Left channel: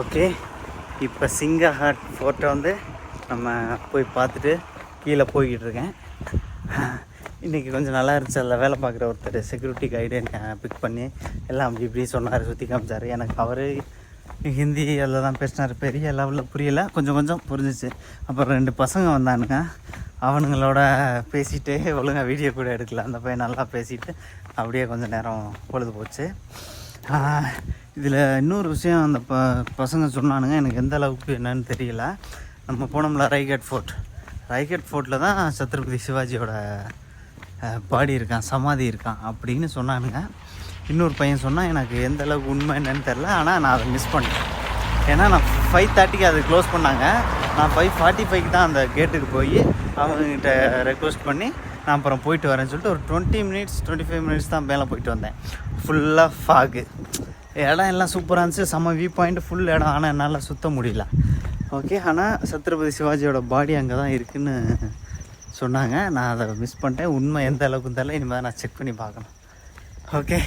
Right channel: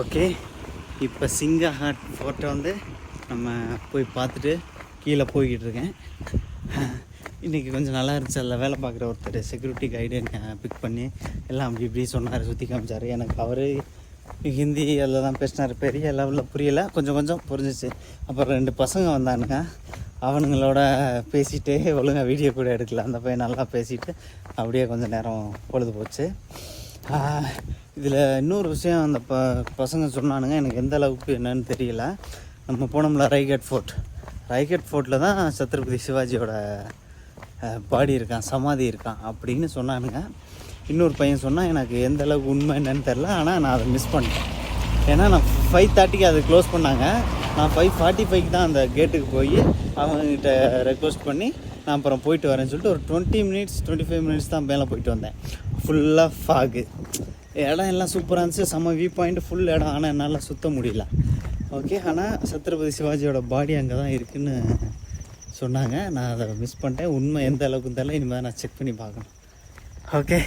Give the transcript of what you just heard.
Okay, இப்போ சிங்கஹாட் ஃபோர்ட்டை வந்து நம்ம போய் பார்த்துட்டு கீழே போய்கிட்டு இருக்கேன். இன்றைக்கி கொஞ்சம் நல்லா இருந்துச்சு. அதில் வேலை பார்க்குற ஒருத்தர் செக்யூரிட்டி கைடு என்னை பிக் பண்ணி எல்லாம் அப்படி இப்படி சொன்னார், சுற்றி காமிச்சார். எனக்கு அவர் ஹிந்தி அதில் தான் பேசினார். பெரிய லெவலில் புரியலை, கொஞ்சம் கொஞ்சம் புரிஞ்சிச்சு. அப்புறம் 2 பசங்க வந்தானுங்க, அவனுங்களோட பேசிவிட்டு ஒழுங்காக வீடியோ கூட எடுக்கல. அந்த பையன் நல்லா பேசிவிட்டு அப்படியே கொஞ்சம் நேரம் பொழுது போச்சு. இதில் இன்னொரு விஷயம் அந்த பசங்க சொன்னானுங்க, எனக்கு எந்த அளவுக்கு என்னன்னு தெரியல. நம்ம போனோம்ல ரைகட் ஃபோர்ட்டில் தான் சத்ரபதி சிவாஜியோட பாடி இருக்கான், சமாதி இருக்கான் அப்படின்னு சொன்னானுங்க. இன்னொரு பையன் சொன்னால் எனக்கு எந்த அளவுக்கு உண்மை என்னன்னு தெரில. ஆனால் நான் அதை மிஸ் பண்ணிட்டேன். ஏன்னா நான் 5:30க்கு அதை க்ளோஸ் பண்ணாங்க. நான் 5:45க்கு தான் அந்த கேட்டுக்கு போய் அவங்ககிட்ட ரெக்வஸ்ட் பண்ணி நான் அப்புறம் போயிட்டு வரேன்னு சொல்லிட்டு ஒரு 25 மினிட்ஸ் தான் மேலே போயிட்டு வந்தேன். ஃபுல்லாக ஃபாகு, இடம் எல்லாம் சூப்பராக இருந்துச்சு, செம்ம வியூ பாயிண்ட், ஃபுல் இடம். ஆனால் என்னால் சுற்ற முடியல. ஓகே, ஆனால் சத்ரபதி சிவாஜியோட பாடி அங்கே தான் இருக்குதுன்னு சொன்னாங்க. நான் அதை மிஸ் பண்ணிட்டேன். உண்மை எந்த அளவுக்கு தெரியல, இனிமேல் நான் செக் பண்ணி பார்க்கணும். ஓகே.